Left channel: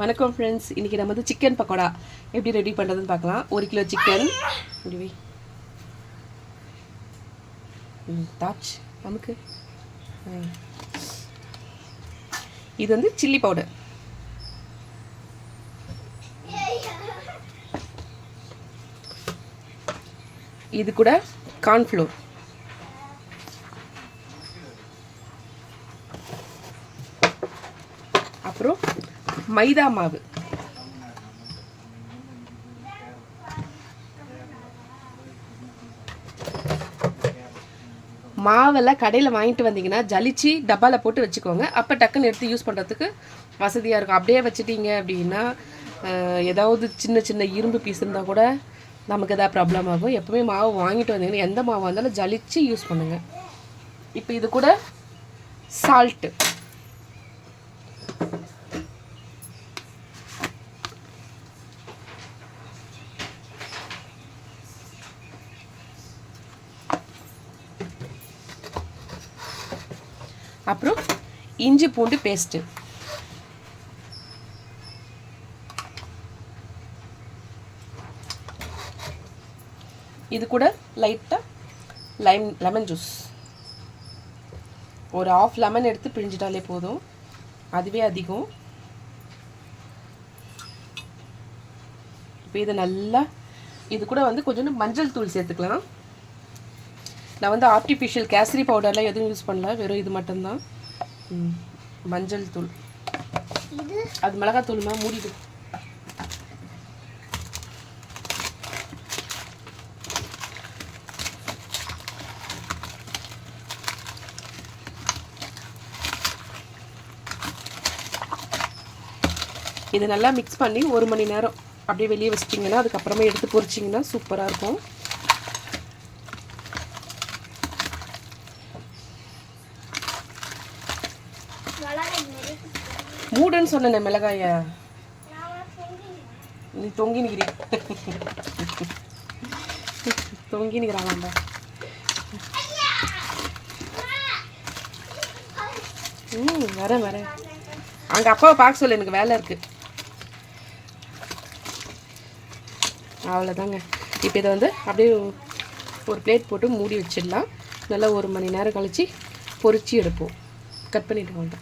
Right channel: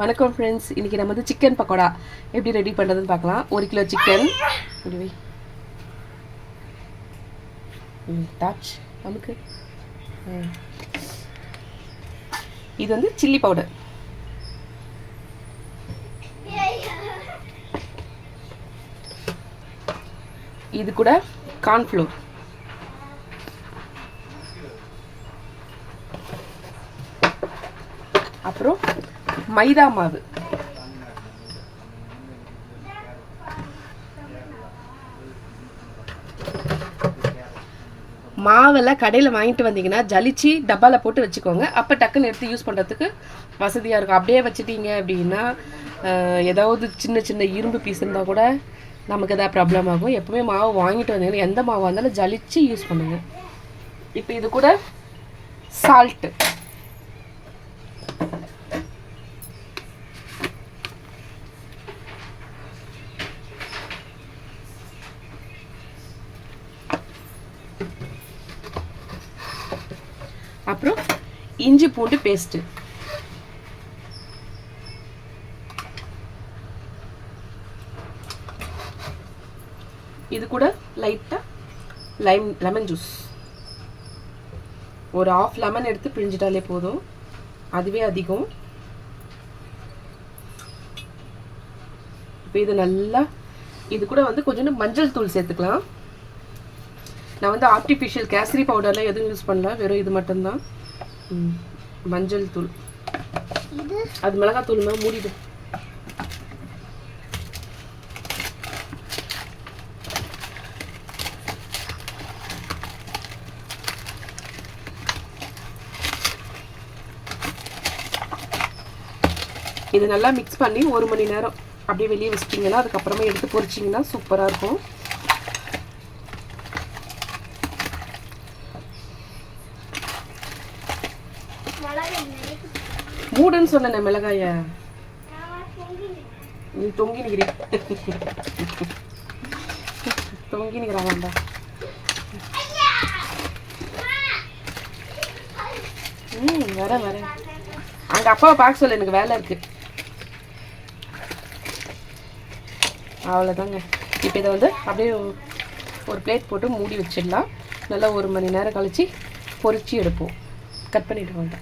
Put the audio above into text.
வணக்கம் ஃப்ரெண்ட்ஸ், இன்றைக்கி நம்ம வந்து சிக்கன் பக்கோடா எப்படி ரெடி பண்ணுறதுன்னு பார்க்கலாம். 1 கிலோ சிக்கன் இப்படி தாச் நமக்கு இது வந்து சில்லி பவுடர், இது கூட கார்ன்ஃப்ளோர், அப்புறம் மைதா மாவு, மாவெல்லாம் கடையில் வாங்கிட்டு வந்தீங்கன்னா ஜலிச்சு டப்பாவில் போட்டு வச்சுக்கோங்க. அப்போ டக்குன்னு எடுத்து யூஸ் பண்ணுறதுக்கு வசதியாக இருக்கும். அப்படியே வச்சுட்டீங்க அப்படின்னா ஏதாவது சின்ன சின்ன இரும்பு பீஸ் இருந்தால் கூட நமக்கு எதாவது ப்ராப்ளம் ஆகும். எப்போவுமே மாவு வாங்கிட்டு வந்தீங்கன்னா எந்த மாவாக இருந்தாலும் ஜலிச்சு யூஸ் பண்ணுங்கள். இப்போ இது கூட சால்ட்டு, அப்புறம் இஞ்சி பூண்டு பேஸ்ட்டு, இது கூட லைட்டாக லெமன் ஜூஸ், ஒரு 1/2 லெமன் எடுத்து பிழிஞ்சிட்டாலே போதும், அதுவே அதிகம். இப்போ இது நல்லா, இது கூட வந்து கொஞ்சம் மஞ்சள் தூள் சேர்த்துக்கலாம். நான் வந்து ஆர்டிஃபிஷியல் கேசரி பவுடர்லாம் எதுவும் யூஸ் பண்ணல, வெறும் இது மட்டும்தான். மஞ்சள் தூள், அது மிளகாய் தூள்மா மூடிடு. இது நல்லா மிக்ஸ் பண்ணி 1 மணி நேரம் அப்படியே வெளியே வச்சிட்டிங்கன்னா அதுக்கப்புறமா எடுத்து பொரிச்சிங்கன்னா சூப்பராக இருக்கும். மூடுன்னு சொன்னேன் மிளகாய, நீ தொங்கி நிக்கிறீ தொங்கி நிற்கிறாங்கண்டா. வரேன் அங்கே அப்பாவை பார்க்க சொல்ல, எனக்கு வேலை இருக்குது. அவ்வளோதாங்க. இப்போ இதை வந்து அப்படியே ஒரு பிளேட் போட்டு மூடி வச்சிடலாம். நல்லா 1 மணி நேரம் கழித்து பொரிச்சு எடுப்போம். கட் பண்ணிட்டு வாங்க.